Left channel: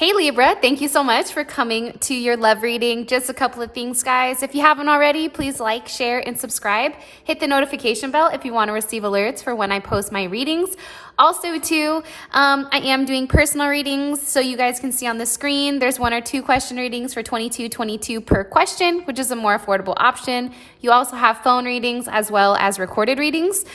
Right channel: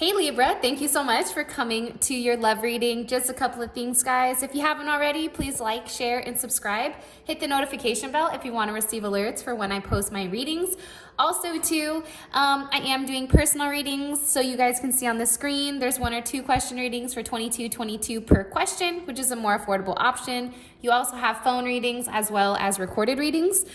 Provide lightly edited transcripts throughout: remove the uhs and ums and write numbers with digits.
Hey Libra, thank you so much for coming to your love reading. Just a couple of things, guys. If you haven't already, please like, share, and subscribe. Hit the notification bell if you want to receive alerts for when I post my readings. Also, too, I am doing personal readings, so you guys can see on the screen. There's 1 or 2 question readings for $22.22 per question, which is a more affordable option. You also have phone readings as well as recorded readings.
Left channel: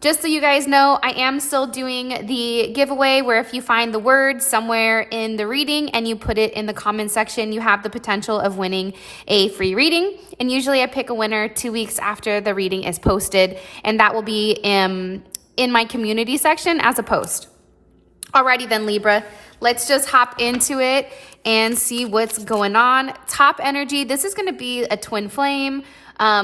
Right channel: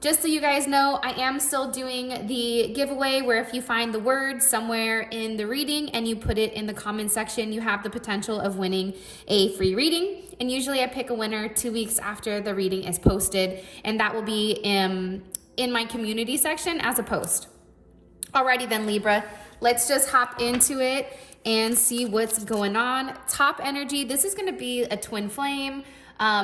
Just so you guys know, I am still doing the giveaway where if you find the word somewhere in the reading and you put it in the comment section, you have the potential of winning a free reading. And usually I pick a winner 2 weeks after the reading is posted, and that will be in my community section as a post. Alrighty then, Libra, let's just hop into it and see what's going on. Top energy, this is going to be a twin flame.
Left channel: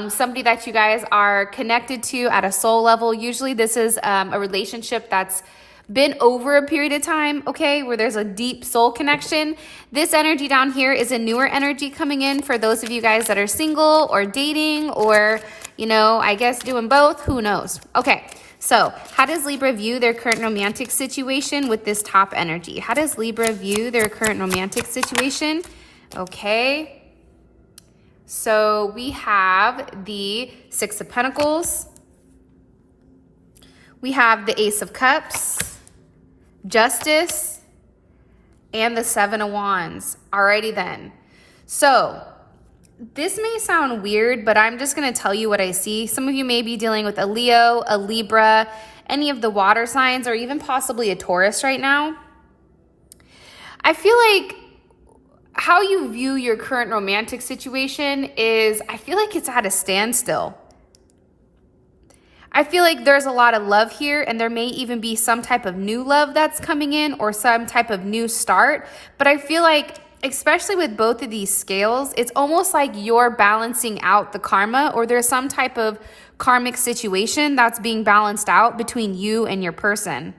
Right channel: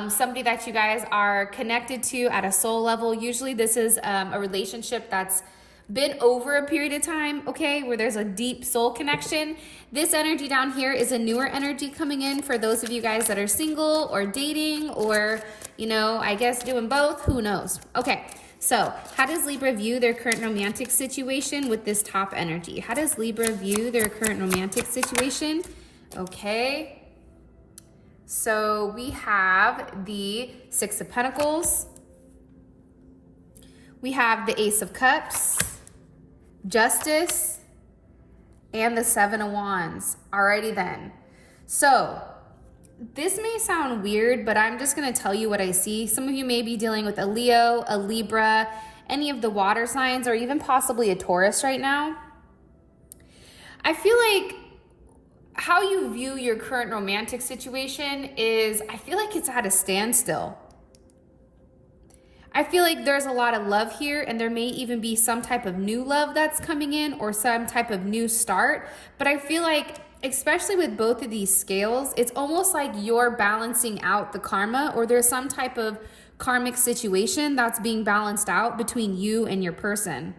Somebody that you guys are connected to at a soul level. Usually this is a relationship that's been over a period of time, okay, where there's a deep soul connection. This energy down here is a newer energy coming in for those of you guys that are single or dating or, you know, I guess doing both. Who knows? Okay, so how does Libra view their current romantic situation with this top energy? How does Libra view their current romantic situation? Okay. So we have the 6 of Pentacles, we have the Ace of Cups, Justice, and the 7 of Wands. Alrighty then. So this may sound weird, but I'm just going to tell you what I see. Some of you may be dealing with a Leo, a Libra, any of the water signs, or even possibly a Taurus right now. I feel like how you view your current romantic situation is, I feel like it's at a standstill. I feel like there's a lot of love here, and there may even be some type of new love that's coming in or some type of new start. But I feel like, especially with both of these scales, it's almost like you're balancing out the karma, or there's some type of karmic situation that's being balanced out between you and your person.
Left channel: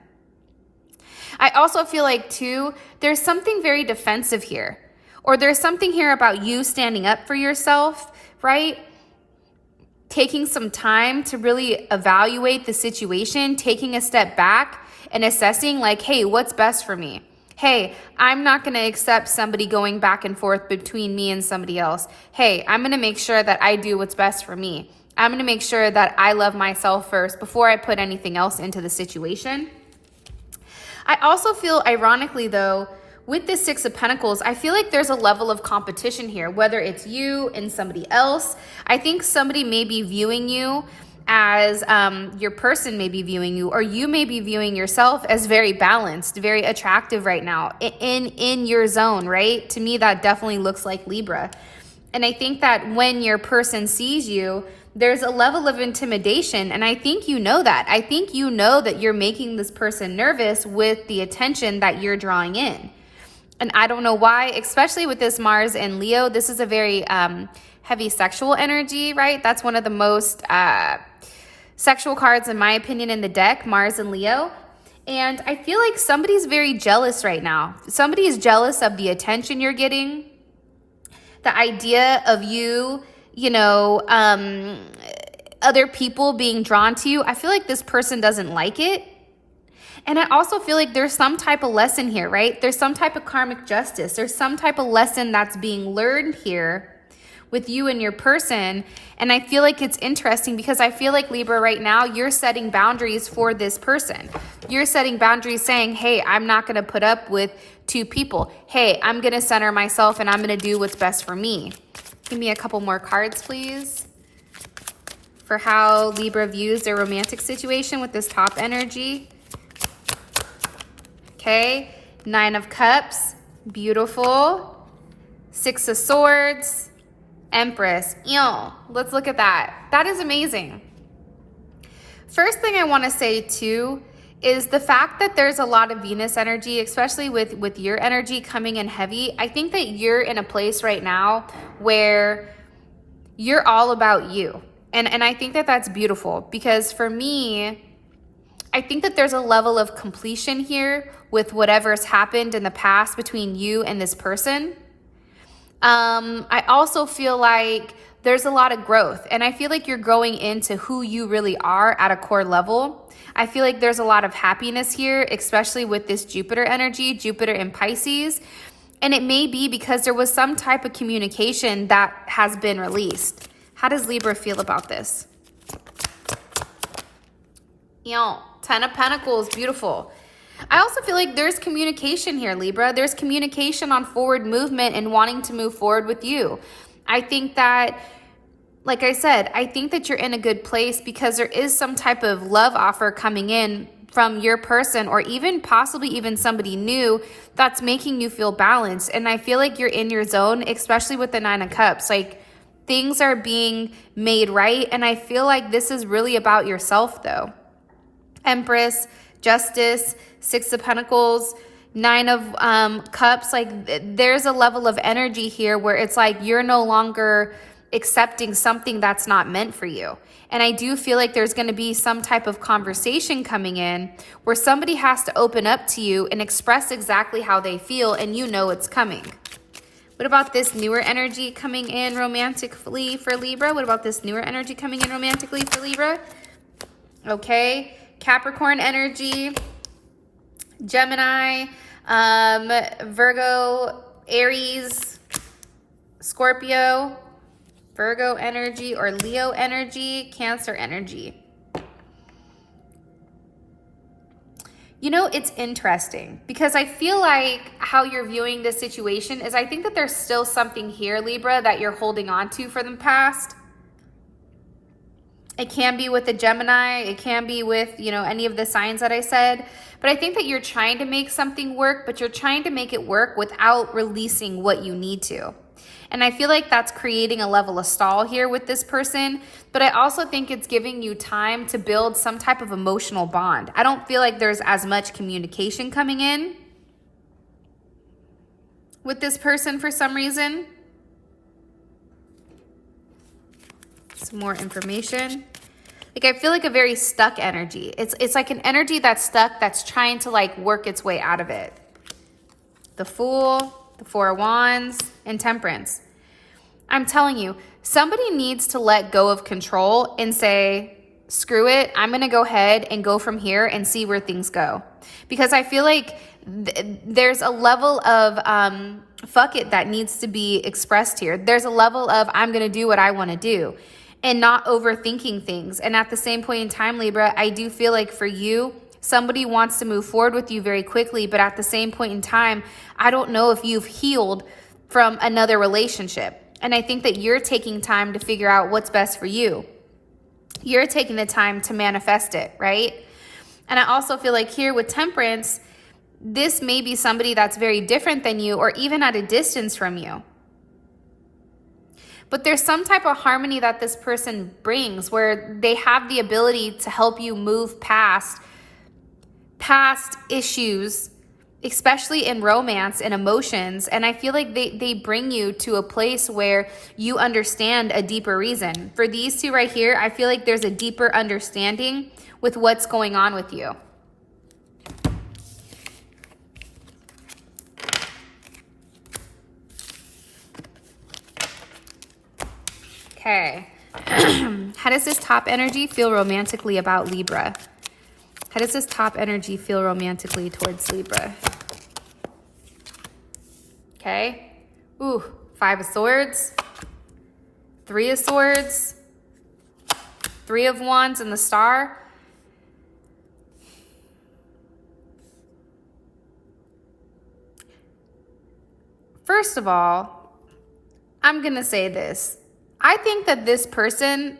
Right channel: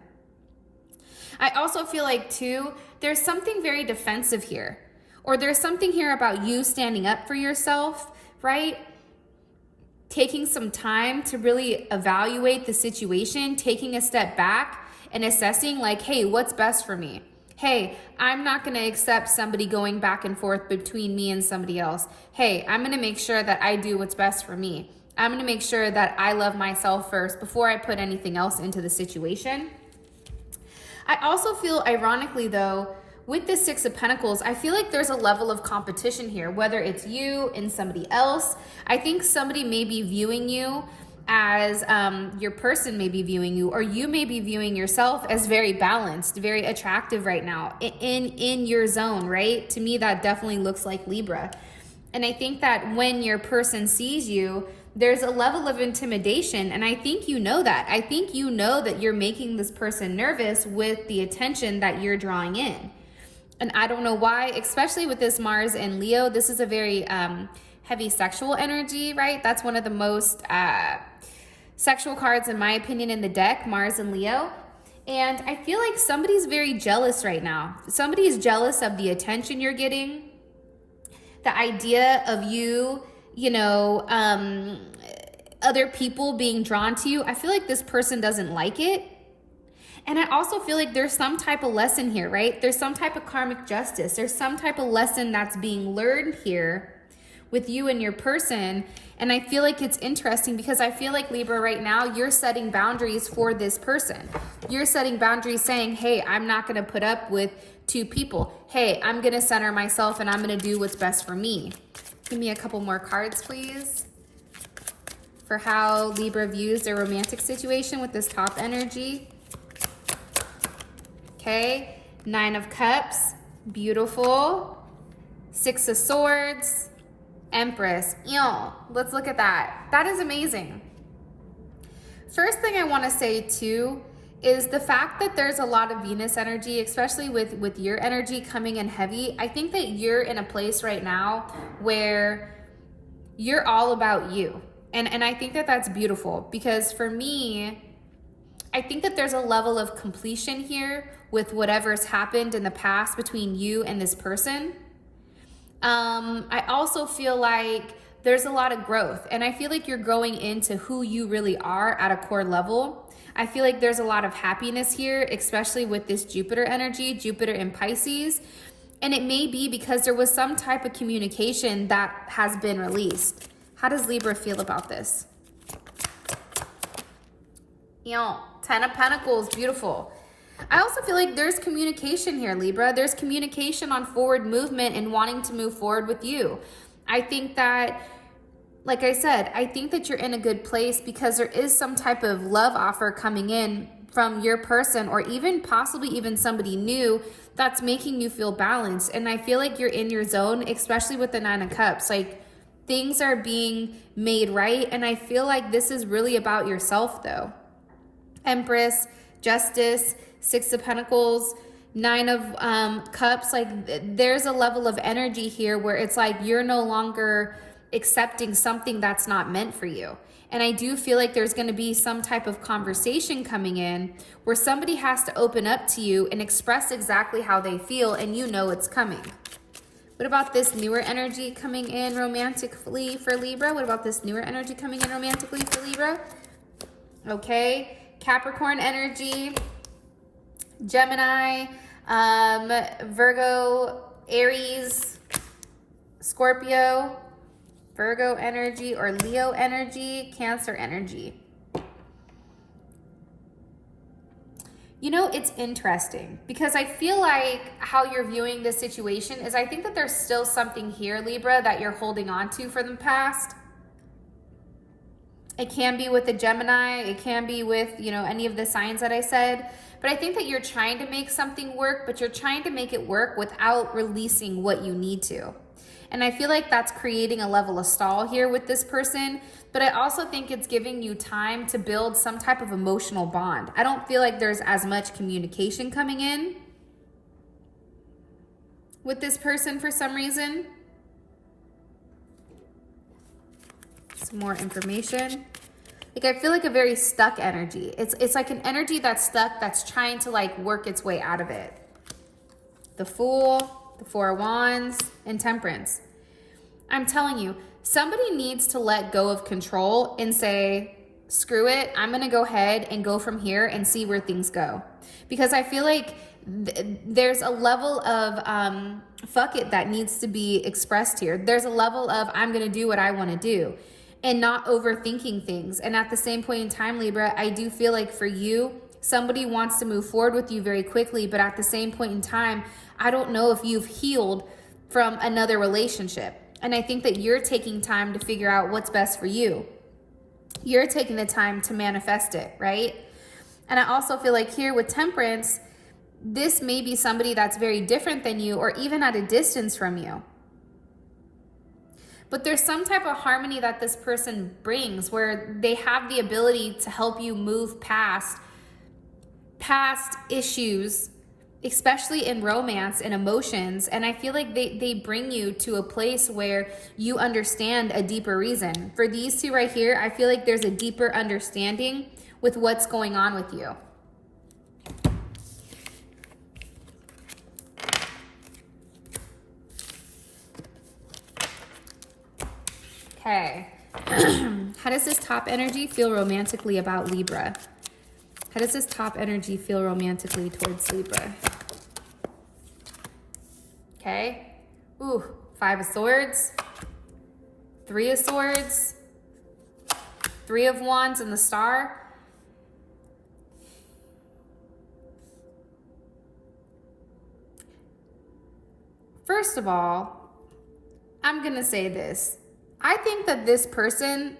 I also feel like, too, there's something very defensive here. Or there's something here about you standing up for yourself, right? Taking some time to really evaluate the situation, taking a step back and assessing like, hey, what's best for me? Hey, I'm not going to accept somebody going back and forth between me and somebody else. Hey, I'm going to make sure that I do what's best for me. I'm going to make sure that I love myself first before I put anything else into the situation. I also feel, ironically though, with this 6 of Pentacles, I feel like there's a level of competition here, whether it's you and somebody else. I think somebody may be viewing you as your person may be viewing you, or you may be viewing yourself as very balanced, very attractive right now in your zone, right? To me, that definitely looks like Libra. And I think that when your person sees you, there's a level of intimidation. And I think you know that. I think you know that you're making this person nervous with the attention that you're drawing in. And I don't know why, especially with this Mars and Leo, this is a very heavy sexual energy, right? That's one of the most sexual cards, in my opinion, in the deck, Mars and Leo. And I feel like somebody's very jealous right now. Somebody is jealous of the attention you're getting, the idea of you, you know, other people being drawn to you. I feel like this person doesn't like it. And I also feel like there's some type of lesson here, right? There's some type of karmic justice. There's some type of lesson that's being learned here with you and your person. And I feel like it's interesting because I feel like, Libra, right now, you're setting boundaries for this person. You're setting boundaries saying, hey, I'm not going to put up with 2 people. Hey, I'm going to center myself and I'm going to do what's best for me. Give me a couple more cards, please, for how Libra views their romantic situation with this top energy. Okay, 9 of Cups, beautiful. 6 of Swords, Empress. Ew, let's look at that. That is amazing. First thing I want to say too is the fact that there's a lot of Venus energy, especially with your energy coming in heavy. I think that you're in a place right now where you're all about you. And I think that that's beautiful because for me, I think that there's a level of completion here with whatever's happened in the past between you and this person. I also feel like there's a lot of growth. And I feel like you're growing into who you really are at a core level. I feel like there's a lot of happiness here, especially with this Jupiter energy, Jupiter in Pisces. And it may be because there was some type of communication that has been released. How does Libra feel about this? Ten of Pentacles, beautiful. I also feel like there's communication here, Libra. There's communication on forward movement and wanting to move forward with you. I think that, like I said, I think that you're in a good place because there is some type of love offer coming in from your person, or even possibly even somebody new that's making you feel balanced. And I feel like you're in your zone, especially with the Nine of Cups. Like, things are being made right. And I feel like this is really about yourself though. Empress, Justice, Six of Pentacles, Nine of Cups. Like, there's a level of energy here where it's like you're no longer accepting something that's not meant for you. And I do feel like there's going to be some type of conversation coming in where somebody has to open up to you and express exactly how they feel, and you know it's coming. What about this newer energy coming in romantically for Libra? What about this newer energy coming in romantically for Libra? Okay, Capricorn energy, Gemini, Virgo, Aries, Scorpio, Virgo energy, or Leo energy, Cancer energy. You know, it's interesting because I feel like how you're viewing this situation is, I think that there's still something here, Libra, that you're holding on to from the past. It can be with the Gemini, it can be with, you know, any of the signs that I said, but I think that you're trying to make something work, but you're trying to make it work without releasing what you need to. And I feel like that's creating a level of stall here with this person, but I also think it's giving you time to build some type of emotional bond. I don't feel like there's as much communication coming in with this person for some reason. Some more information. Like, I feel like a very stuck energy. It's like an energy that's stuck, that's trying to like work its way out of it. The Fool, the Four of Wands, and Temperance. I'm telling you, somebody needs to let go of control and say, screw it, I'm gonna go ahead and go from here and see where things go. Because I feel like there's a level of fuck it that needs to be expressed here. There's a level of I'm gonna do what I wanna do and not overthinking things. And at the same point in time, Libra, I do feel like for you, somebody wants to move forward with you very quickly, but at the same point in time, I don't know if you've healed from another relationship. And I think that you're taking time to figure out what's best for you. You're taking the time to manifest it, right? And I also feel like here with Temperance, this may be somebody that's very different than you, or even at a distance from you. But there's some type of harmony that this person brings where they have the ability to help you move past issues, especially in romance and emotions. And I feel like they bring you to a place where you understand a deeper reason. For these two right here, I feel like there's a deeper understanding with what's going on with you. Okay. How does this top energy feel romantically about Libra? How does this top energy feel romantically towards Libra? Okay. Ooh, Five of Swords, Three of Swords, Three of Wands, and the Star. First of all, I'm going to say this. I think that this person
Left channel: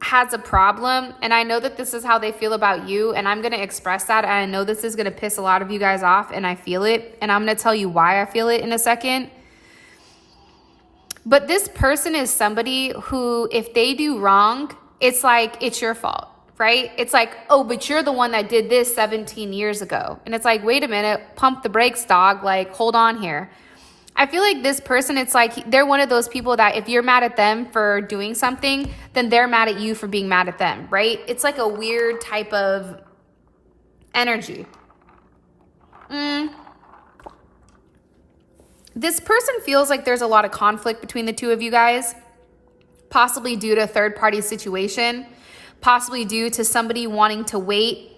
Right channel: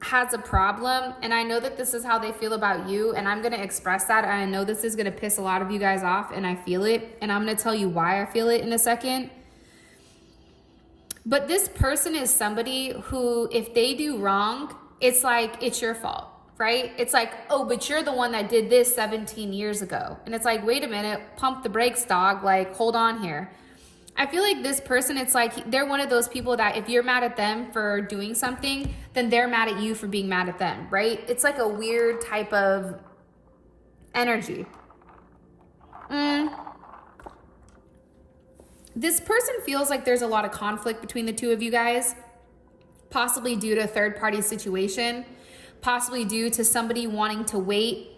has a problem, and I know that this is how they feel about you, and I'm going to express that. And I know this is going to piss a lot of you guys off, and I feel it, and I'm going to tell you why I feel it in a second. But this person is somebody who, if they do wrong, it's like, it's your fault, right? It's like, oh, but you're the one that did this 17 years ago. And it's like, wait a minute, pump the brakes, dog. Like, hold on here. I feel like this person, it's like they're one of those people that if you're mad at them for doing something, then they're mad at you for being mad at them, right? It's like a weird type of energy. This person feels like there's a lot of conflict between the two of you guys, possibly due to a third-party situation, possibly due to somebody wanting to wait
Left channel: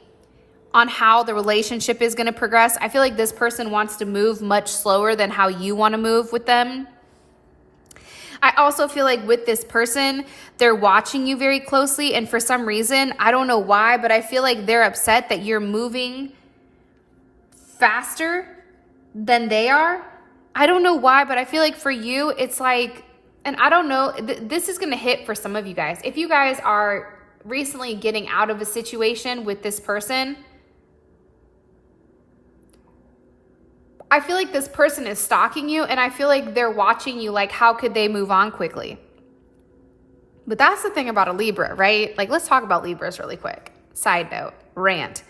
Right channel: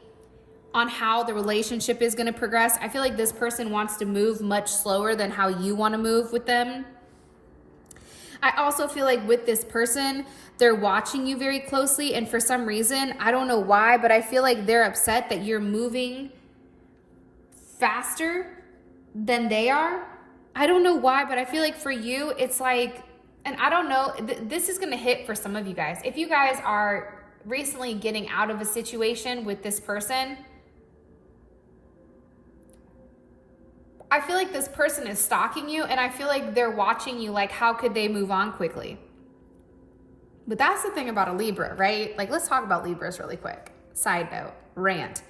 on how the relationship is going to progress. I feel like this person wants to move much slower than how you want to move with them. I also feel like with this person, they're watching you very closely, and for some reason, I don't know why, but I feel like they're upset that you're moving faster than they are. I don't know why, but I feel like for you, it's like, and I don't know, this is going to hit for some of you guys. If you guys are recently getting out of a situation with this person, I feel like this person is stalking you, and I feel like they're watching you like, how could they move on quickly? But that's the thing about a Libra, right? Like, let's talk about Libras really quick. Side note, rant.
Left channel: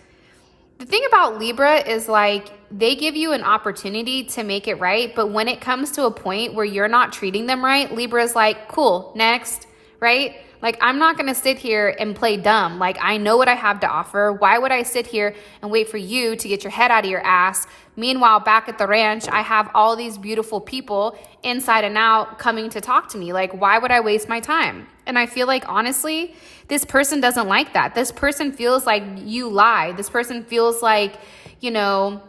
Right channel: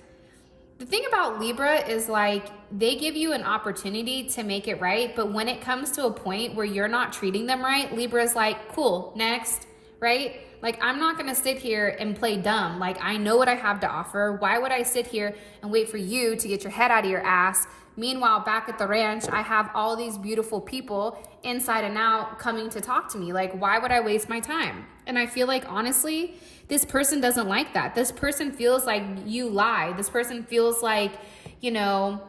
The thing about Libra is like, they give you an opportunity to make it right, but when it comes to a point where you're not treating them right, Libra is like, cool, next, right? Like, I'm not gonna sit here and play dumb. Like, I know what I have to offer. Why would I sit here and wait for you to get your head out of your ass? Meanwhile, back at the ranch, I have all these beautiful people inside and out coming to talk to me. Like, why would I waste my time? And I feel like, honestly, this person doesn't like that. This person feels like you lie. This person feels like, you know,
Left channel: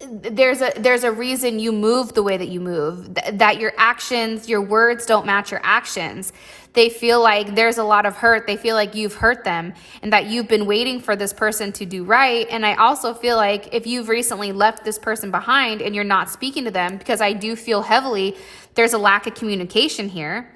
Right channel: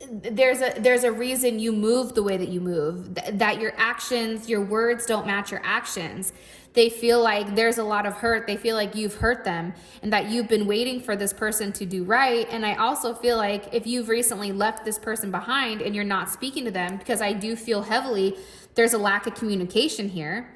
there's a reason you move the way that you move, that your actions, your words don't match your actions. They feel like there's a lot of hurt. They feel like you've hurt them and that you've been waiting for this person to do right. And I also feel like if you've recently left this person behind and you're not speaking to them, because I do feel heavily there's a lack of communication here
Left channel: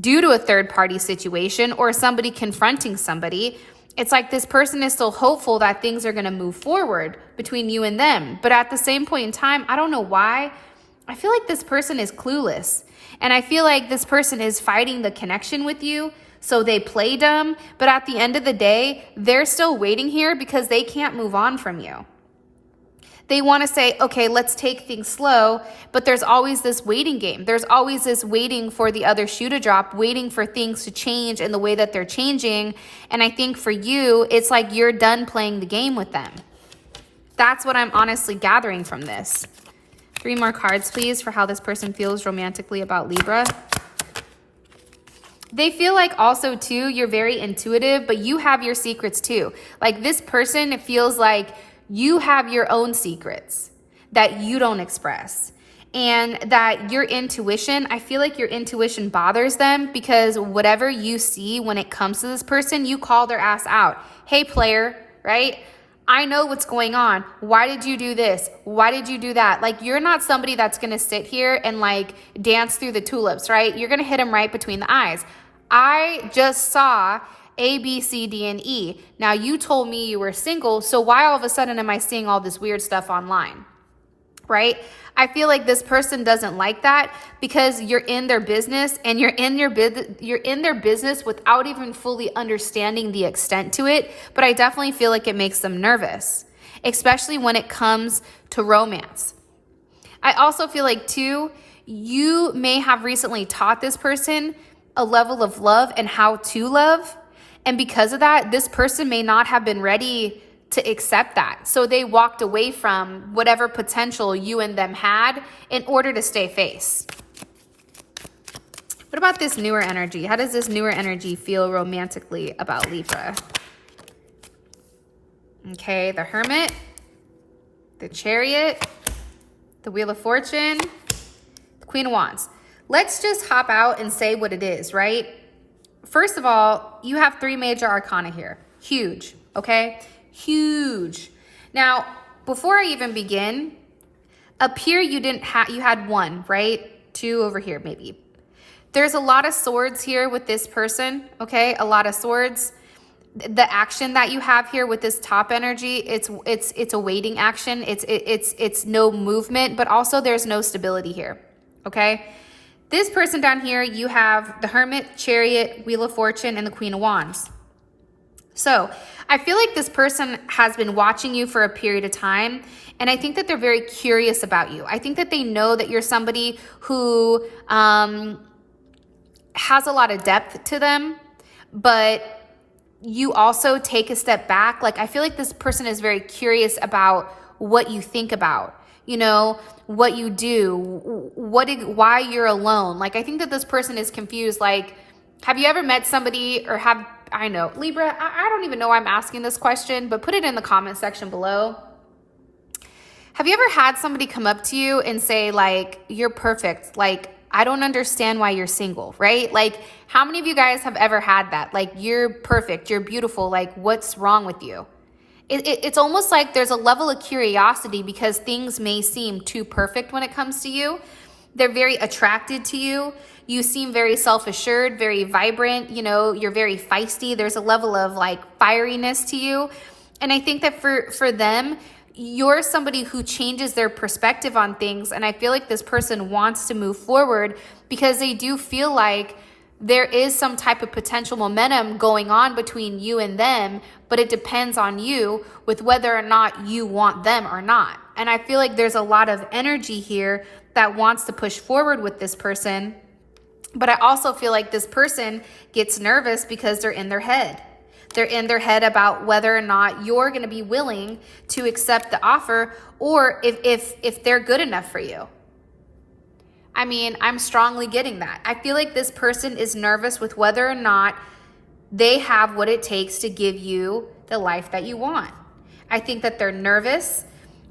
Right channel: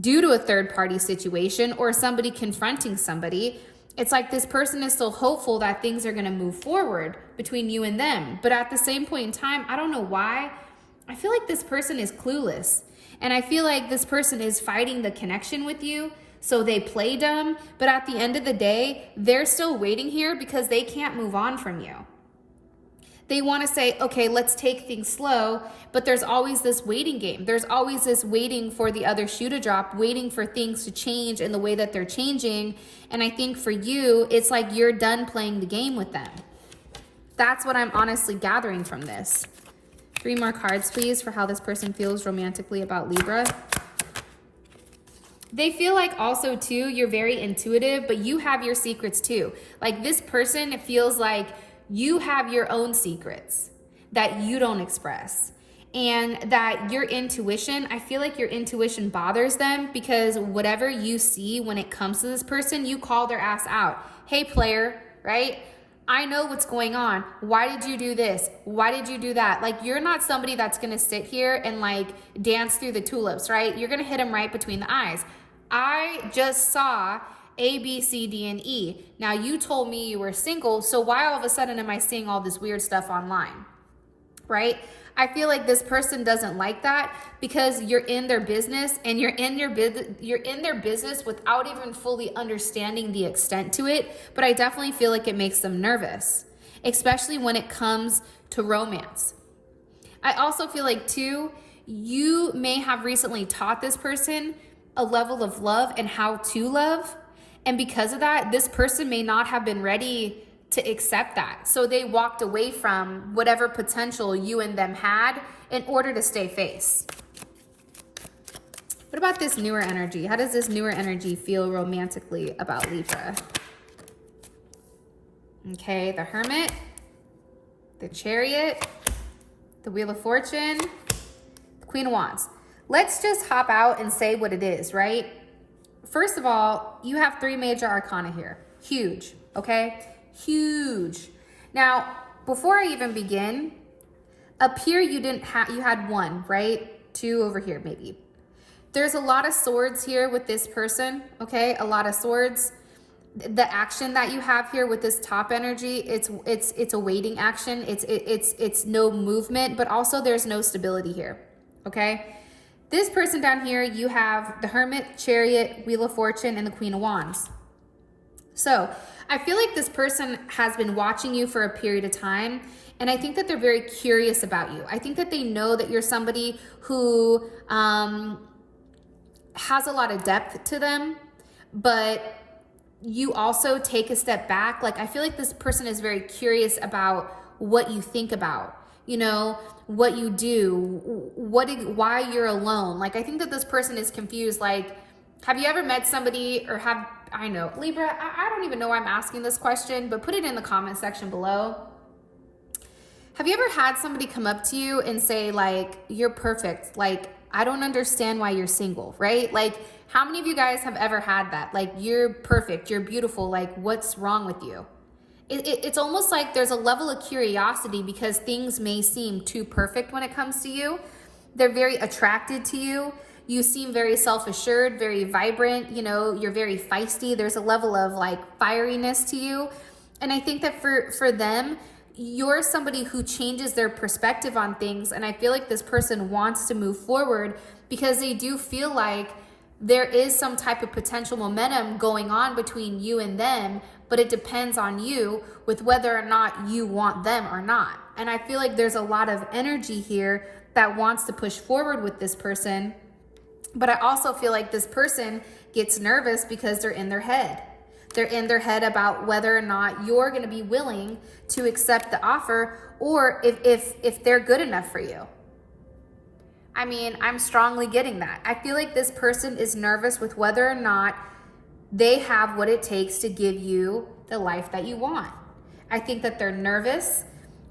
due to a third-party situation or somebody confronting somebody. It's like this person is still hopeful that things are going to move forward between you and them. But at the same point in time, I don't know why, I feel like this person is clueless. And I feel like this person is fighting the connection with you, so they play dumb. But at the end of the day, they're still waiting here because they can't move on from you. They want to say, okay, let's take things slow, but there's always this waiting game. There's always this waiting for the other shoe to drop, waiting for things to change in the way that they're changing. And I think for you, it's like you're done playing the game with them. That's what I'm honestly gathering from this. 3 more cards, please, for how this person feels romantically about Libra. They feel like also, too, you're very intuitive, but you have your secrets, too. Like, this person feels like you have your own secrets that you don't express, and that your intuition, I feel like your intuition bothers them because whatever you see when it comes to this person, you call their ass out. Hey, player, right? I know what's going on. Why did you do this? Why did you do that? Like, you're not somebody that's going to sit here and like dance through the tulips, right? You're going to hit them right between the eyes. I just saw A, B, C, D, and E. Now, you told me you were single, so why all of a sudden am I seeing all this weird stuff online, right? I feel like this person doesn't like that because you're in their business, and you're in their business without even fully understanding the extent to it. But I definitely feel like it makes them nervous, especially when it comes to romance. I also feel like, too, you may have recently taught this person a level of love and how to love. And because of that, this person may not have been ready to accept that. So they walked away from whatever potential you and them had in order to stay face. What about this newer energy? How does this newer energy feel romantically about Libra? Okay, the Hermit, the Chariot, the Wheel of Fortune, the Queen of Wands. Let's just hop out and say what it is, right? First of all, you have 3 major arcana here. Huge, okay? Huge. Now, before I even begin, up here you had 1, right? 2 over here maybe. There's a lot of swords here with this person, okay? A lot of swords. The action that you have here with this top energy, it's a waiting action. It's no movement, but also there's no stability here, okay? This person down here, you have the Hermit, Chariot, Wheel of Fortune, and the Queen of Wands. So I feel like this person has been watching you for a period of time, and I think that they're very curious about you. I think that they know that you're somebody who has a lot of depth to them, but you also take a step back. Like, I feel like this person is very curious about what you think about. you know, what you do, why you're alone. Like, I think that this person is confused. Like, have you ever met somebody, or I know, Libra, I don't even know why I'm asking this question, but put it in the comment section below. Have you ever had somebody come up to you and say, like, you're perfect, like, I don't understand why you're single, right? Like, how many of you guys have ever had that? Like, you're perfect, you're beautiful, like, what's wrong with you? It's almost like there's a level of curiosity because things may seem too perfect when it comes to you. They're very attracted to you. You seem very self-assured, very vibrant, you know, you're very feisty. There's a level of like fieriness to you. And I think that for them, you're somebody who changes their perspective on things. And I feel like this person wants to move forward because they do feel like there is some type of potential momentum going on between you and them, but it depends on you with whether or not you want them or not. And I feel like there's a lot of energy here that wants to push forward with this person. But I also feel like this person gets nervous because they're in their head. They're in their head about whether or not you're going to be willing to accept the offer, or if they're good enough for you. I mean, I'm strongly getting that. I feel like this person is nervous with whether or not they have what it takes to give you the life that you want. I think that they're nervous.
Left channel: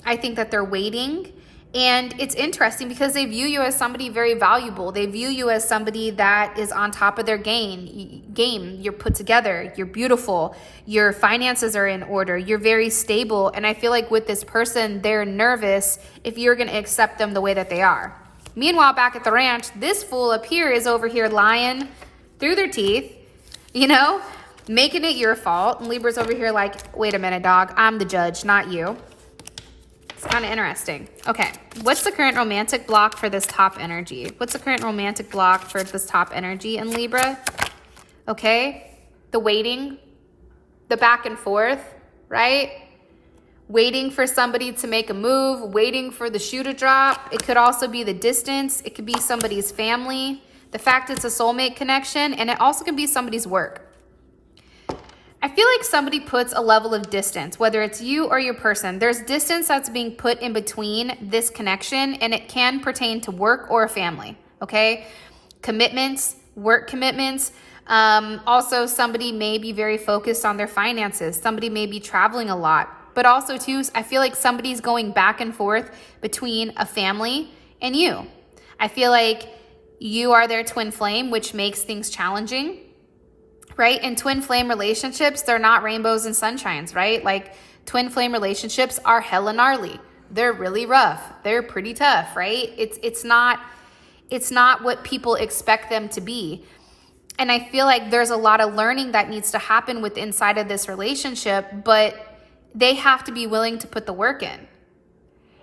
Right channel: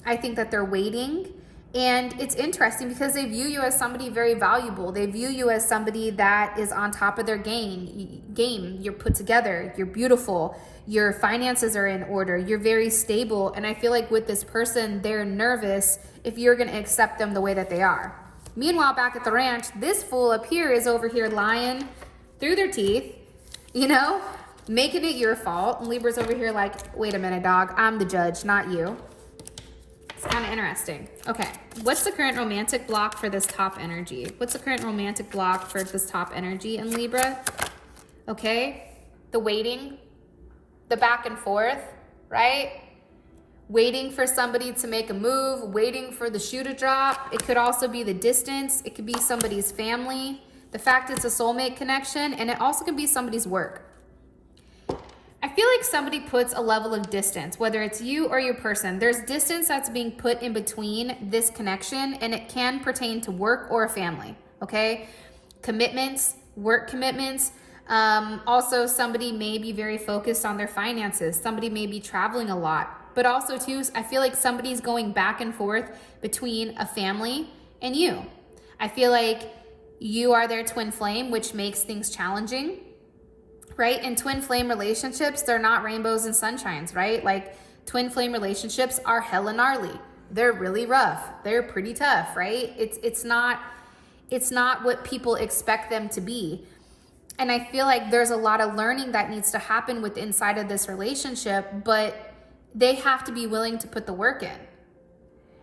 I think that they're waiting. And it's interesting because they view you as somebody very valuable. They view you as somebody that is on top of their game. You're put together. You're beautiful. Your finances are in order. You're very stable. And I feel like with this person, they're nervous if you're going to accept them the way that they are. Meanwhile, back at the ranch, this fool up here is over here lying through their teeth, you know, making it your fault. And Libra's over here like, wait a minute, dog. I'm the judge, not you. It's kind of interesting. Okay, what's the current romantic block for this top energy? What's the current romantic block for this top energy in Libra? Okay, the waiting, the back and forth, right? Waiting for somebody to make a move, waiting for the shoe to drop. It could also be the distance. It could be somebody's family. The fact it's a soulmate connection, and it also can be somebody's work. I feel like somebody puts a level of distance, whether it's you or your person. There's distance that's being put in between this connection, and it can pertain to work or a family, okay? Commitments, work commitments. Also, somebody may be very focused on their finances. Somebody may be traveling a lot. But also, too, I feel like somebody's going back and forth between a family and you. I feel like you are their twin flame, which makes things challenging, right? In twin flame relationships, they're not rainbows and sunshines, right? Like, twin flame relationships are hella gnarly. They're really rough. They're pretty tough, right? It's not what people expect them to be. And I feel like there's a lot of learning that needs to happen with inside of this relationship, but they have to be willing to put the work in.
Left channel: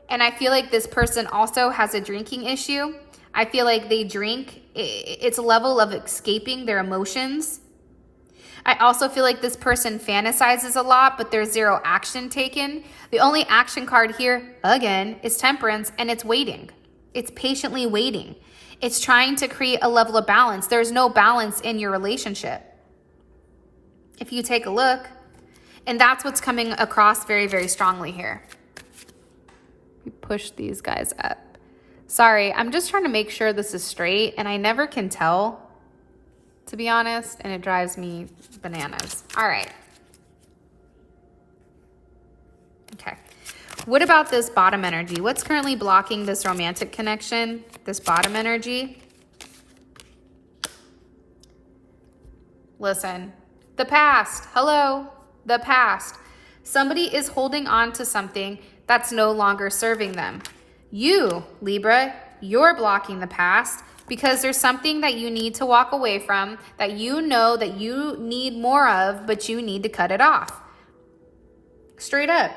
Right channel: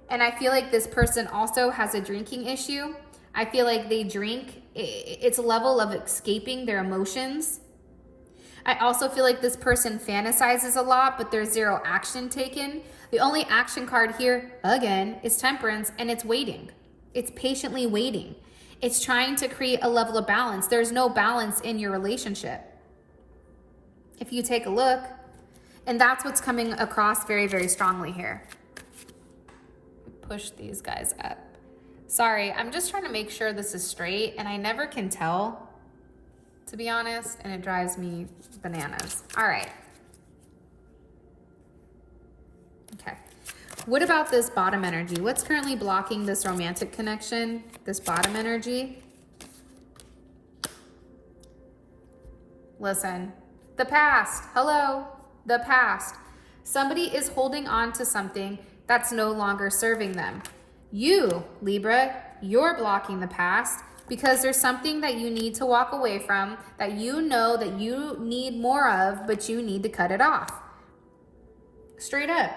And I feel like this person also has a drinking issue. I feel like they drink. It's a level of escaping their emotions. I also feel like this person fantasizes a lot, but there's zero action taken. The only action card here, again, is temperance, and it's waiting. It's patiently waiting. It's trying to create a level of balance. There's no balance in your relationship. If you take a look, and that's what's coming across very, very strongly here. Push these guys up. Sorry, I'm just trying to make sure this is straight, and I never can tell, to be honest, and it drives me bananas. All right. Okay. What about this bottom energy? What's currently blocking this romantic connection, this bottom energy? Listen, the past. Hello. The past. Somebody is holding on to something that's no longer serving them. You, Libra, you're blocking the past because there's something that you need to walk away from, that you know that you need more of, but you need to cut it off. Straight up.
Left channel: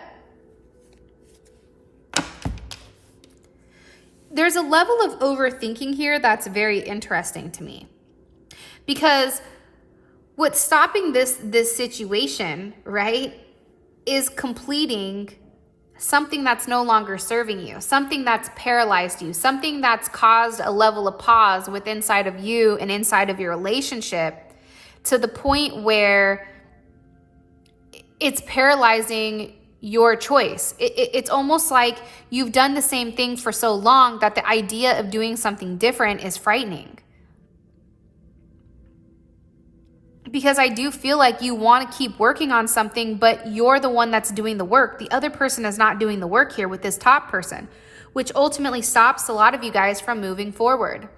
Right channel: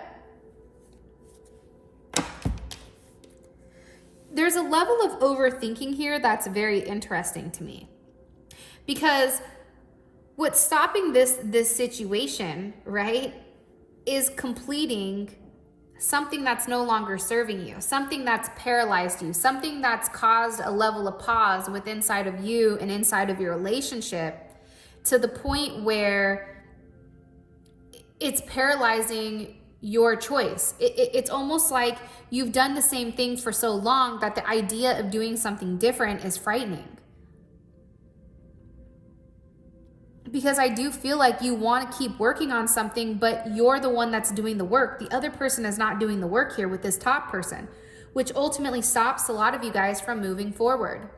There's a level of overthinking here that's very interesting to me, because what's stopping this situation, right, is completing something that's no longer serving you, something that's paralyzed you, something that's caused a level of pause with inside of you and inside of your relationship, to the point where it's paralyzing your choice. It's almost like you've done the same thing for so long that the idea of doing something different is frightening. Because I do feel like you want to keep working on something, but you're the one that's doing the work. The other person is not doing the work here with this top person, which ultimately stops a lot of you guys from moving forward.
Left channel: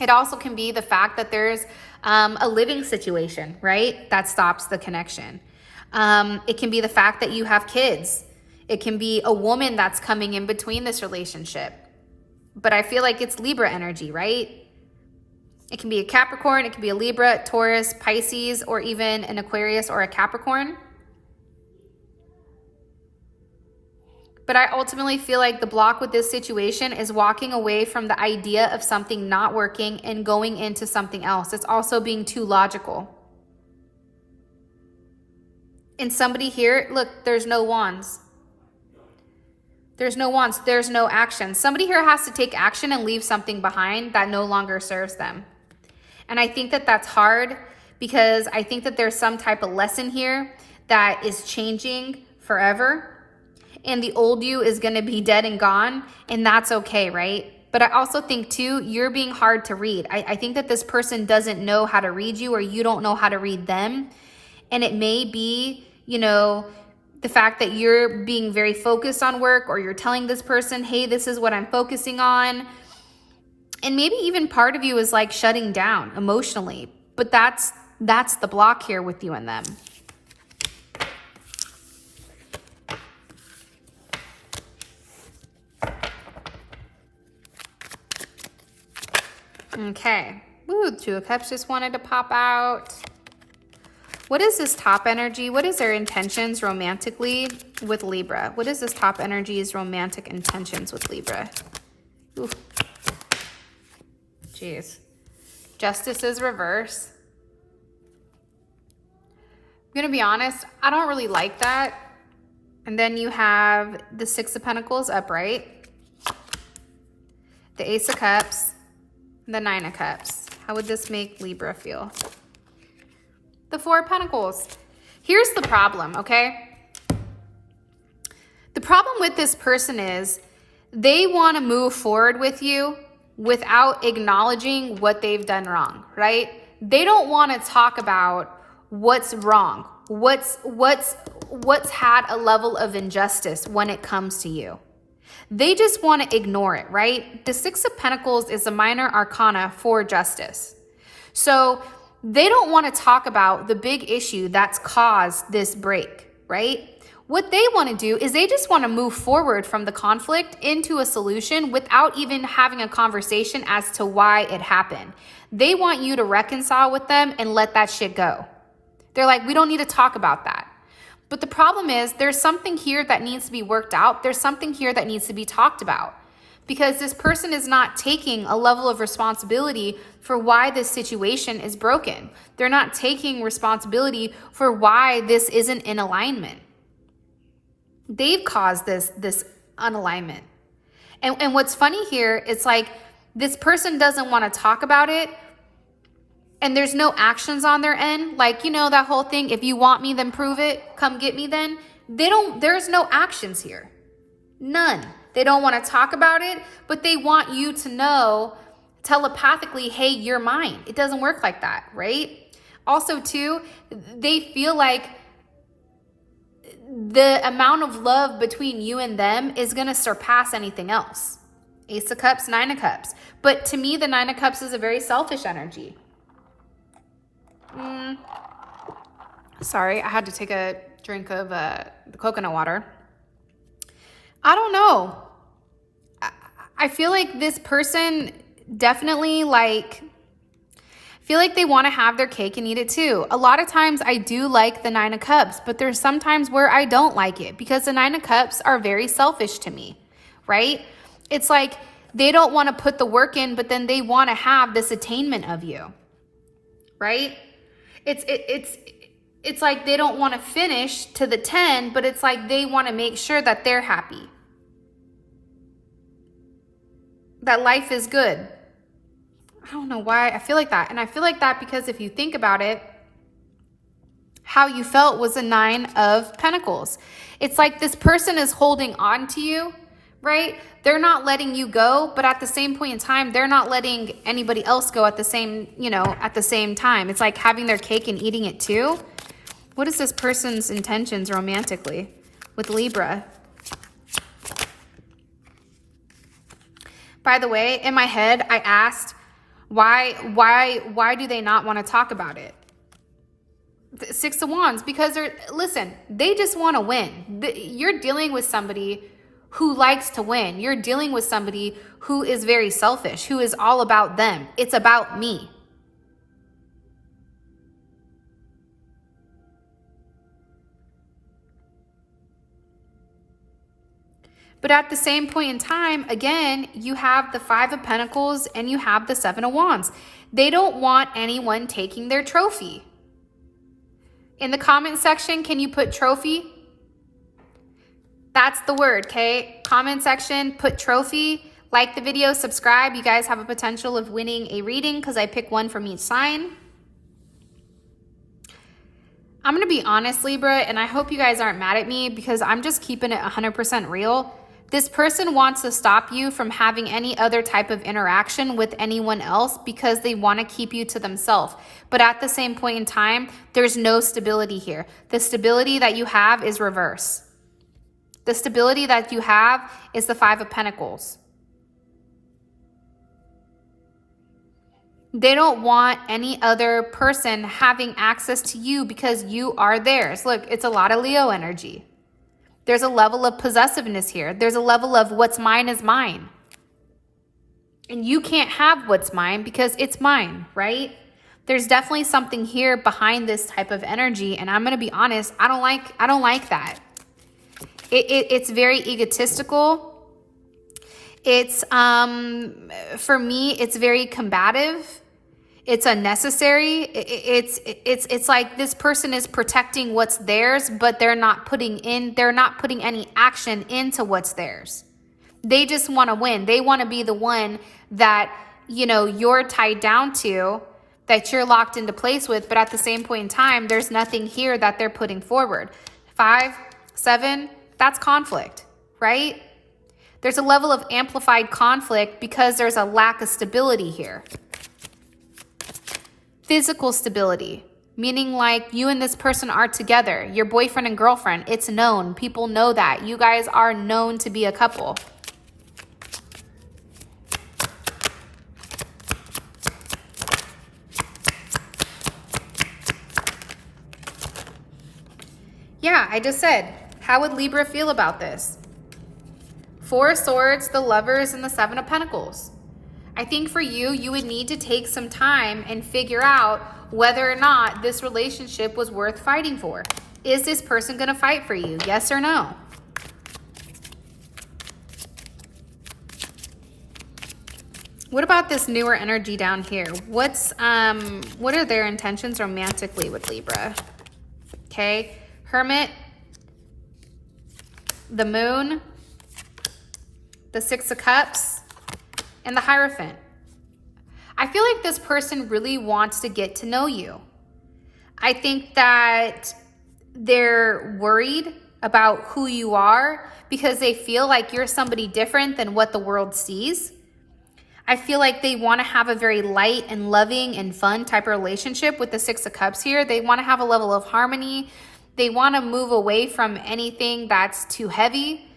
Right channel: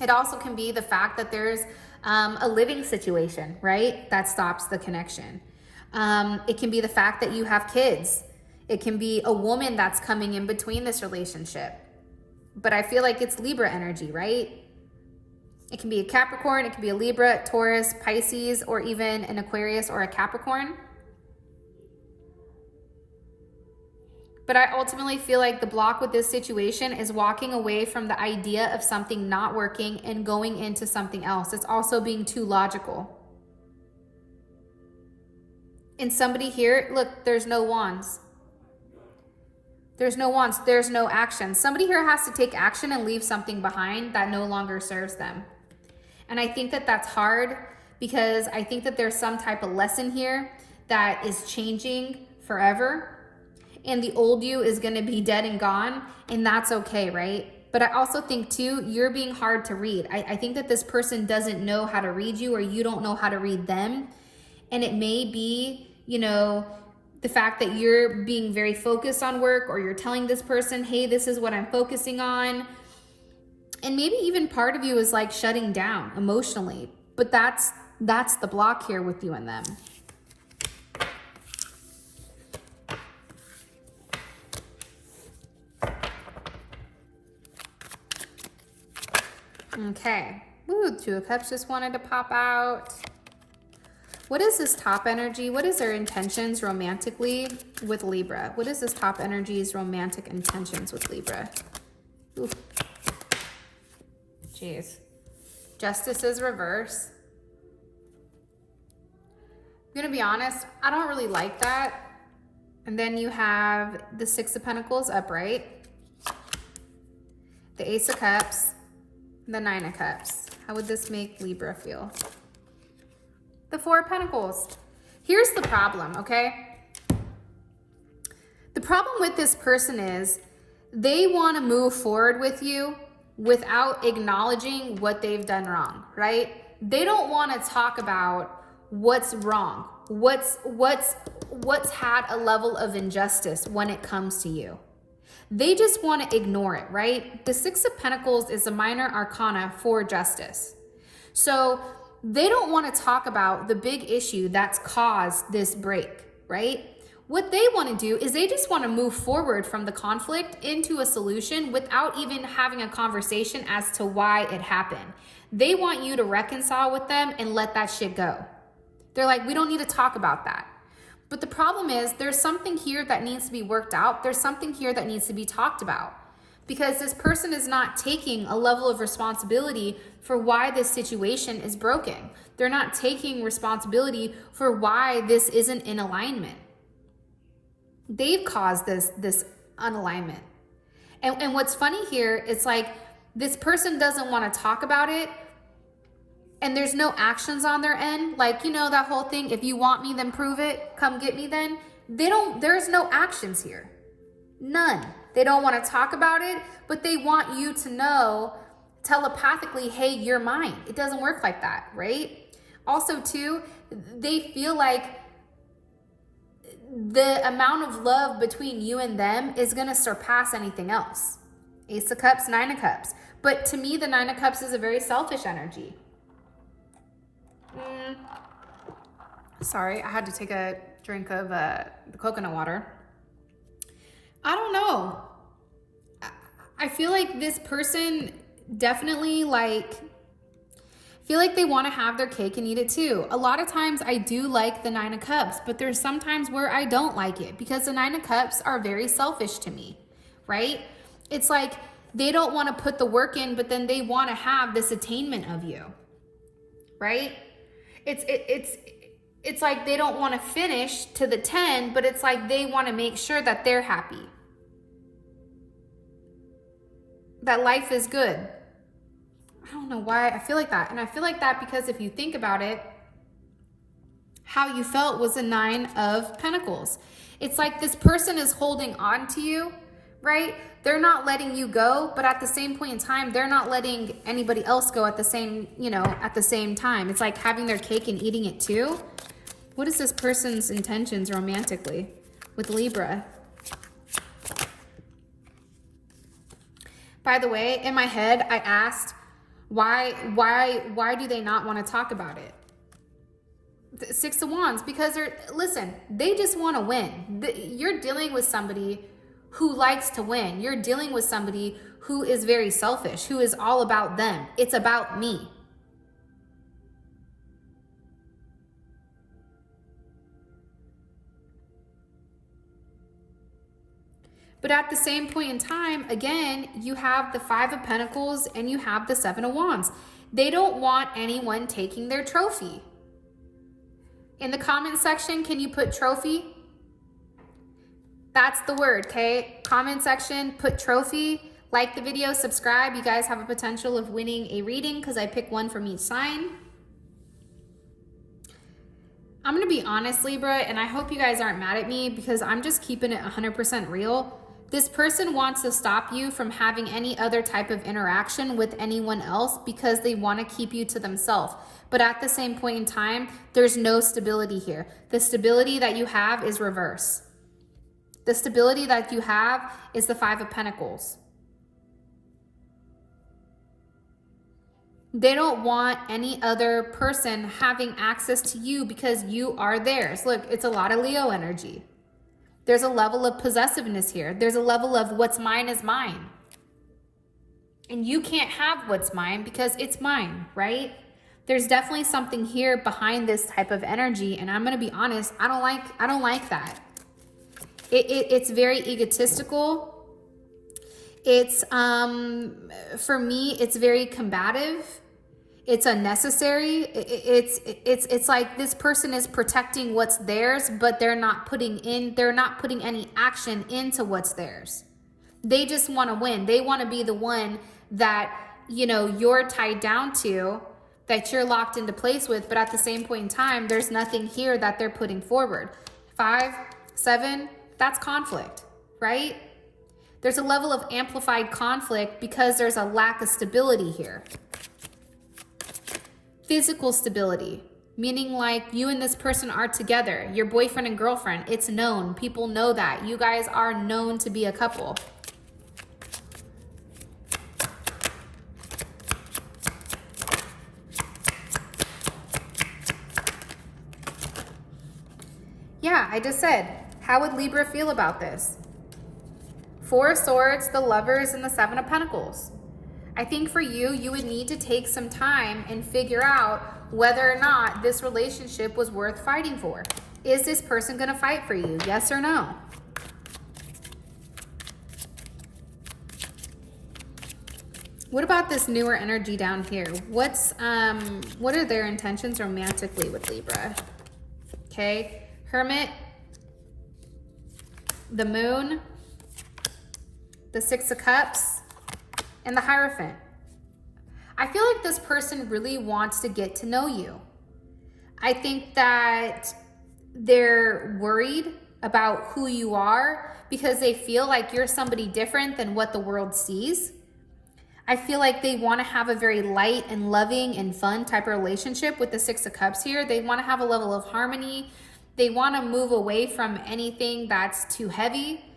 It also can be the fact that there's a living situation, right? That stops the connection. It can be the fact that you have kids. It can be a woman that's coming in between this relationship. But I feel like it's Libra energy, right? It can be a Capricorn, it can be a Libra, Taurus, Pisces, or even an Aquarius or a Capricorn. But I ultimately feel like the block with this situation is walking away from the idea of something not working and going into something else. It's also being too logical. And somebody here, look, there's no wands. There's no wands, there's no action. Somebody here has to take action and leave something behind that no longer serves them. And I think that that's hard because I think that there's some type of lesson here that is changing forever. And the old you is going to be dead and gone. And that's okay, right? But I also think too, you're being hard to read. I think that this person doesn't know how to read you, or you don't know how to read them. And it may be, you know, the fact that you're being very focused on work, or you're telling this person, hey, this is what I'm focusing on. And maybe even part of you is like shutting down emotionally, but that's the block here with you and them. Okay. Ooh, Two of Cups just wanted to pop out. What is this top energy? What is their intentions romantically with Libra? What is this top energy's romantic intentions with Libra? Ooh. Jeez. Justice is reverse. I'm gonna be honest, I don't really like that. And then you have the Six of Pentacles upright, the Ace of Cups, the Nine of Cups. How would this make Libra feel? The Four of Pentacles. Here's the problem, okay? The problem with this person is they want to move forward with you without acknowledging what they've done wrong, right? They don't want to talk about what's wrong, what's had a level of injustice when it comes to you. They just want to ignore it, right? The Six of Pentacles is a minor arcana for justice. So they don't want to talk about the big issue that's caused this break, right? What they want to do is they just want to move forward from the conflict into a solution without even having a conversation as to why it happened. They want you to reconcile with them and let that shit go. They're like, we don't need to talk about that. But the problem is there's something here that needs to be worked out. There's something here that needs to be talked about, because this person is not taking a level of responsibility for why this situation is broken. They're not taking responsibility for why this isn't in alignment. They've caused this unalignment. And what's funny here, it's like this person doesn't want to talk about it, and there's no actions on their end. Like, you know, that whole thing, if you want me, then prove it. Come get me then. There's no actions here. None. They don't want to talk about it, but they want you to know telepathically, hey, you're mine. It doesn't work like that, right? Also, too, they feel like the amount of love between you and them is going to surpass anything else. Ace of Cups, Nine of Cups. But to me, the Nine of Cups is a very selfish energy. Sorry, I had to take a drink of the coconut water. I don't know. I feel like this person definitely feel like they want to have their cake and eat it too. A lot of times I do like the Nine of Cups, but there's some times where I don't like it because the Nine of Cups are very selfish to me, right? It's like they don't want to put the work in, but then they want to have this attainment of you, right? It's like they don't want to finish to the 10, but it's like they want to make sure that they're happy, that life is good. I don't know why I feel like that. And I feel like that because if you think about it, how you felt was a 9 of Pentacles. It's like this person is holding on to you, right? They're not letting you go, but at the same point in time, they're not letting anybody else go at the same, at the same time. It's like having their cake and eating it too. What is this person's intentions romantically with Libra? By the way, in my head, I asked, why do they not want to talk about it? The 6 of Wands, because they just want to win. You're dealing with somebody who likes to win. You're dealing with somebody who is very selfish, who is all about them. It's about me. But at the same point in time, again, you have the 5 of Pentacles and you have the 7 of Wands. They don't want anyone taking their trophy. In the comment section, can you put trophy? That's the word, okay? Comment section, put trophy. Like the video, subscribe. You guys have a potential of winning a reading because I pick one from each sign. I'm going to be honest, Libra, and I hope you guys aren't mad at me because I'm just keeping it 100% real. This person wants to stop you from having any other type of interaction with anyone else because they want to keep you to themselves. But at the same point in time, there's no stability here. The stability that you have is reverse. The stability that you have is the 5 of Pentacles. They don't want any other person having access to you because you are theirs. Look, it's a lot of Leo energy. There's a level of possessiveness here. There's a level of what's mine is mine. And you can't have what's mine because it's mine, right? There's definitely something here behind this type of energy. And I'm going to be honest, I don't like that. It's very egotistical. It's, for me, it's very combative. It's unnecessary. It's like this person is protecting what's theirs, but they're not putting any action into what's theirs. They just want to win. They want to be the one that, you're tied down to, that you're locked into place with. But at the same point in time, there's nothing here that they're putting forward. 5, 7, that's conflict, right? There's a level of amplified conflict because there's a lack of stability here. Physical stability, meaning like you and this person are together, your boyfriend and girlfriend. It's known. People know that. You guys are known to be a couple. Yeah, I just said, how would Libra feel about this? 4 of Swords, the Lovers, and the 7 of Pentacles. I think for you, you would need to take some time and figure out whether or not this relationship was worth fighting for. Is this person going to fight for you? Yes or no? What about this newer energy down here? What are their intentions romantically with Libra? Okay, Hermit, the Moon, the 6 of Cups, and the Hierophant. I feel like this person really wants to get to know you. I think that they're worried about who you are because they feel like you're somebody different than what the world sees. I feel like they want to have a very light and loving and fun type of relationship with the 6 of Cups here. They want to have a level of harmony. They want to move away from anything that's too heavy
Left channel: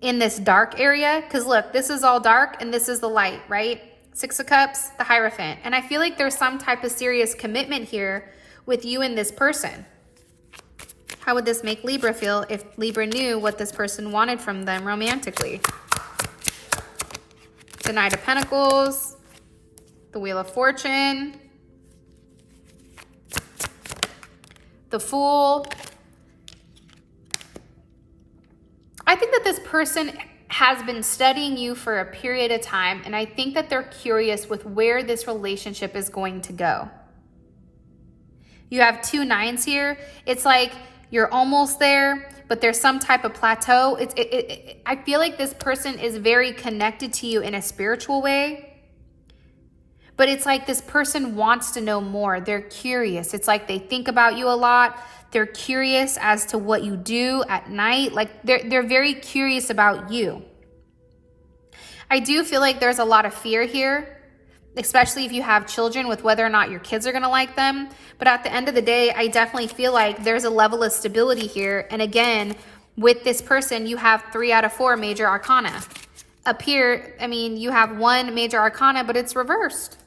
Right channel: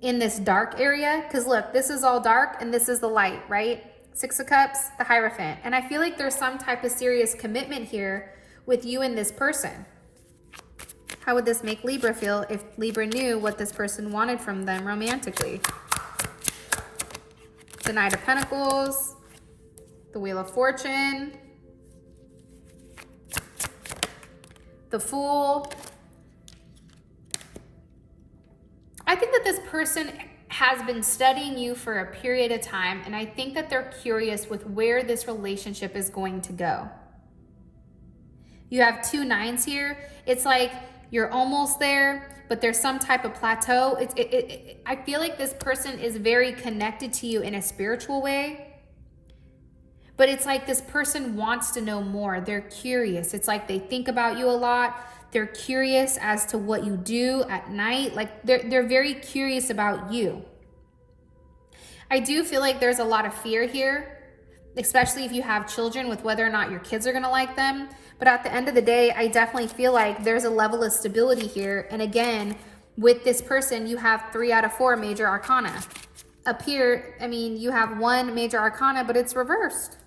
in this dark area. Because look, this is all dark and this is the light, right? 6 of Cups, the Hierophant. And I feel like there's some type of serious commitment here with you and this person. How would this make Libra feel if Libra knew what this person wanted from them romantically? The Knight of Pentacles, the Wheel of Fortune, the Fool. I think that this person has been studying you for a period of time, and I think that they're curious with where this relationship is going to go. You have 2 9s here. It's like you're almost there, but there's some type of plateau. I feel like this person is very connected to you in a spiritual way, But it's like this person wants to know more. They're curious. It's like they think about you a lot. They're curious as to what you do at night. Like they're very curious about you. I do feel like there's a lot of fear here, especially if you have children, with whether or not your kids are going to like them. But at the end of the day, I definitely feel like there's a level of stability here. And again, with this person, you have 3 out of 4 major arcana. Up here, I mean, you have 1 major arcana, but it's reversed.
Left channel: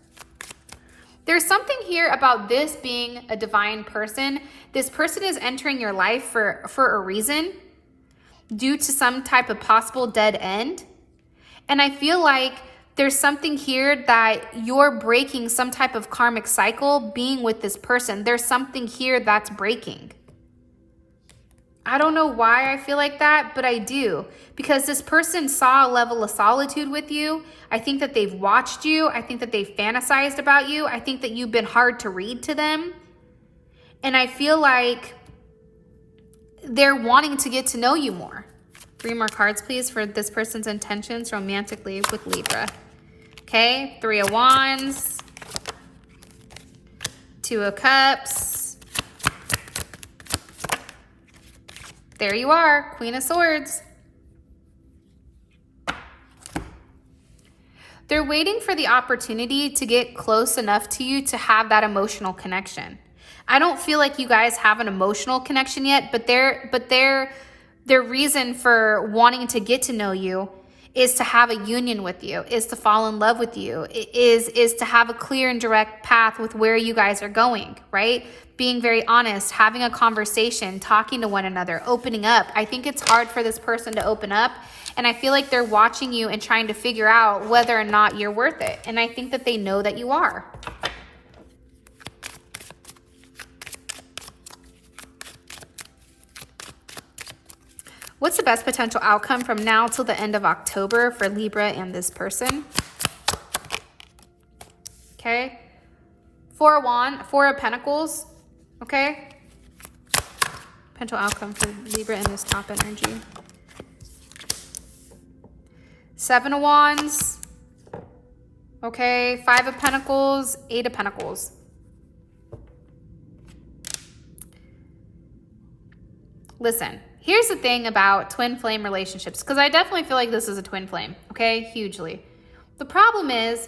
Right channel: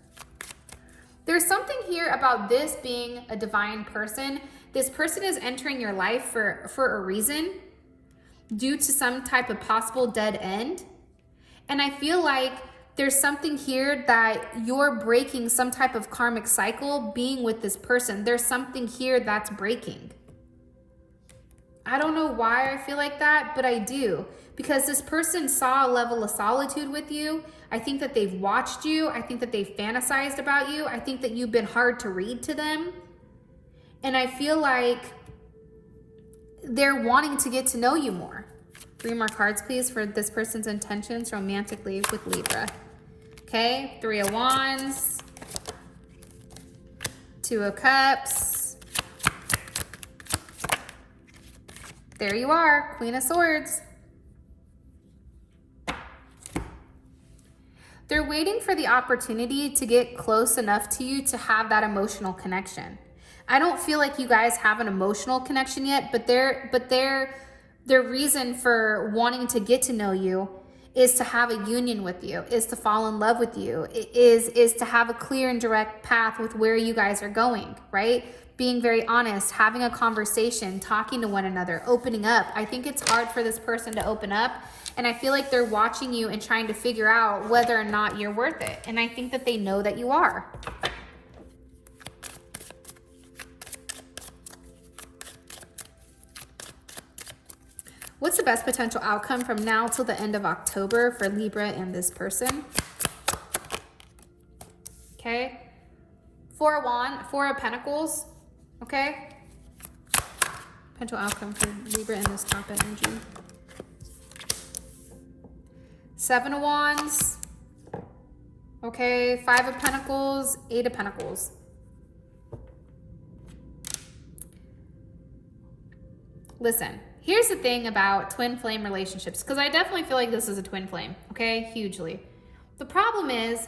There's something here about this being a divine person. This person is entering your life for a reason, due to some type of possible dead end. And I feel like there's something here that you're breaking some type of karmic cycle being with this person. There's something here that's breaking. I don't know why I feel like that, but I do. Because this person saw a level of solitude with you. I think that they've watched you. I think that they've fantasized about you. I think that you've been hard to read to them. And I feel like they're wanting to get to know you more. 3 more cards, please, for this person's intentions romantically with Libra. Okay, 3 of Wands, 2 of Cups. There you are, Queen of Swords. They're waiting for the opportunity to get close enough to you to have that emotional connection. I don't feel like you guys have an emotional connection yet, but their reason for wanting to get to know you is to have a union with you, is to fall in love with you, is to have a clear and direct path with where you guys are going, right? Being very honest, having a conversation, talking to one another, opening up. I think it's hard for this person to open up, and I feel like they're watching you and trying to figure out whether or not you're worth it. And I think that they know that you are. What's the best potential outcome from now till the end of October for Libra and this person? Okay. 4 of Pentacles. Okay. Potential outcome for Libra in this top energy. 7 of Wands. Okay. 5 of Pentacles. 8 of Pentacles. Listen. Here's the thing about twin flame relationships, because I definitely feel like this is a twin flame, okay? Hugely. The problem is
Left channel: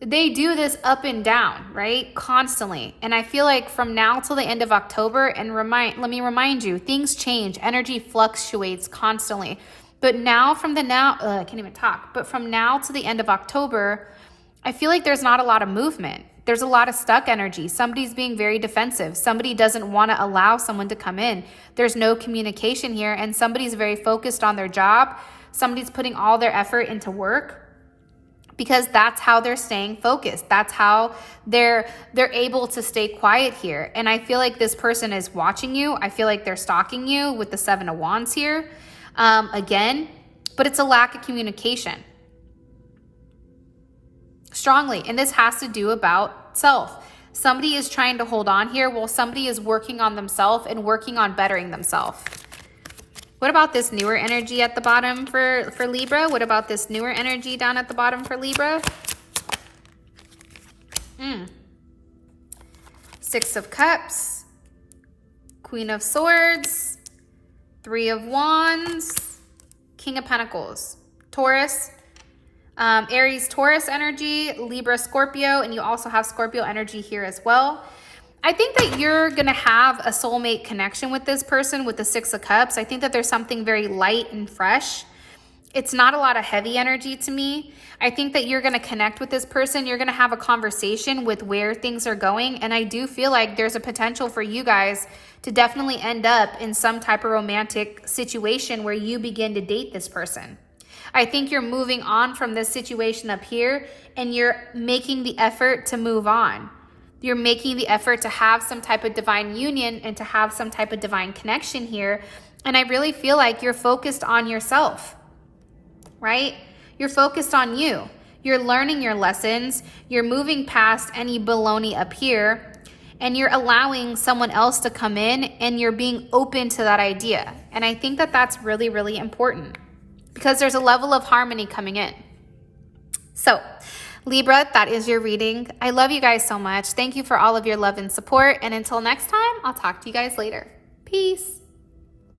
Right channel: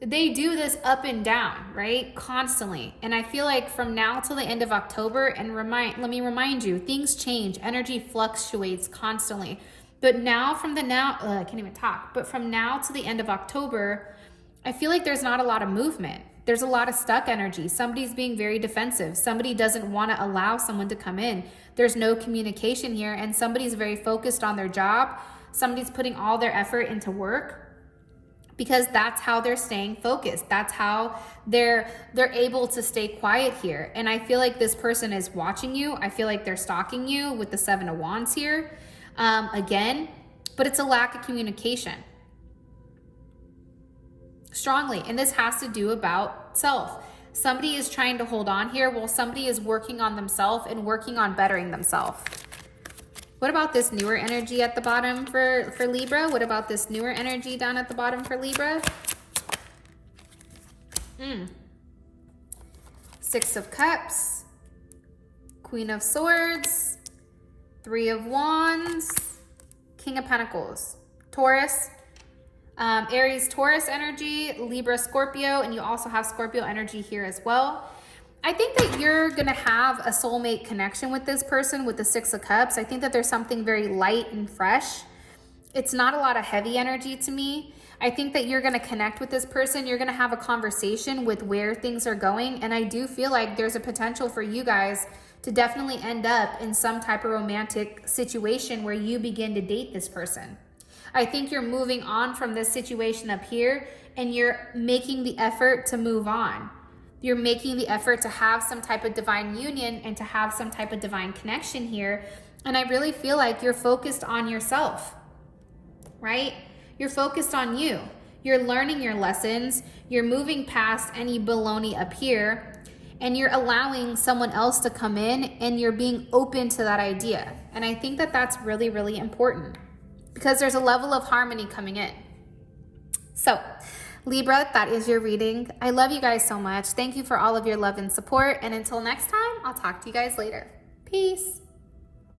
they do this up and down, right? Constantly. And I feel like from now till the end of October, and let me remind you, things change. Energy fluctuates constantly. But now I can't even talk. But from now to the end of October, I feel like there's not a lot of movement. There's a lot of stuck energy. Somebody's being very defensive. Somebody doesn't want to allow someone to come in. There's no communication here, and somebody's very focused on their job. Somebody's putting all their effort into work because that's how they're staying focused. That's how they're able to stay quiet here. And I feel like this person is watching you. I feel like they're stalking you with the 7 of Wands here again, but it's a lack of communication. Strongly. And this has to do about self. Somebody is trying to hold on here while somebody is working on themselves and working on bettering themselves. What about this newer energy at the bottom for Libra? What about this newer energy down at the bottom for Libra? 6 of Cups, Queen of Swords, 3 of Wands, King of Pentacles, Taurus, Aries, Taurus energy, Libra, Scorpio, and you also have Scorpio energy here as well. I think that you're going to have a soulmate connection with this person with the 6 of Cups. I think that there's something very light and fresh. It's not a lot of heavy energy to me. I think that you're going to connect with this person. You're going to have a conversation with where things are going. And I do feel like there's a potential for you guys to definitely end up in some type of romantic situation where you begin to date this person. I think you're moving on from this situation up here and you're making the effort to move on. You're making the effort to have some type of divine union and to have some type of divine connection here. And I really feel like you're focused on yourself, right? You're focused on you. You're learning your lessons. You're moving past any baloney up here and you're allowing someone else to come in and you're being open to that idea. And I think that that's really, really important, because there's a level of harmony coming in. So Libra, that is your reading. I love you guys so much. Thank you for all of your love and support. And until next time, I'll talk to you guys later. Peace.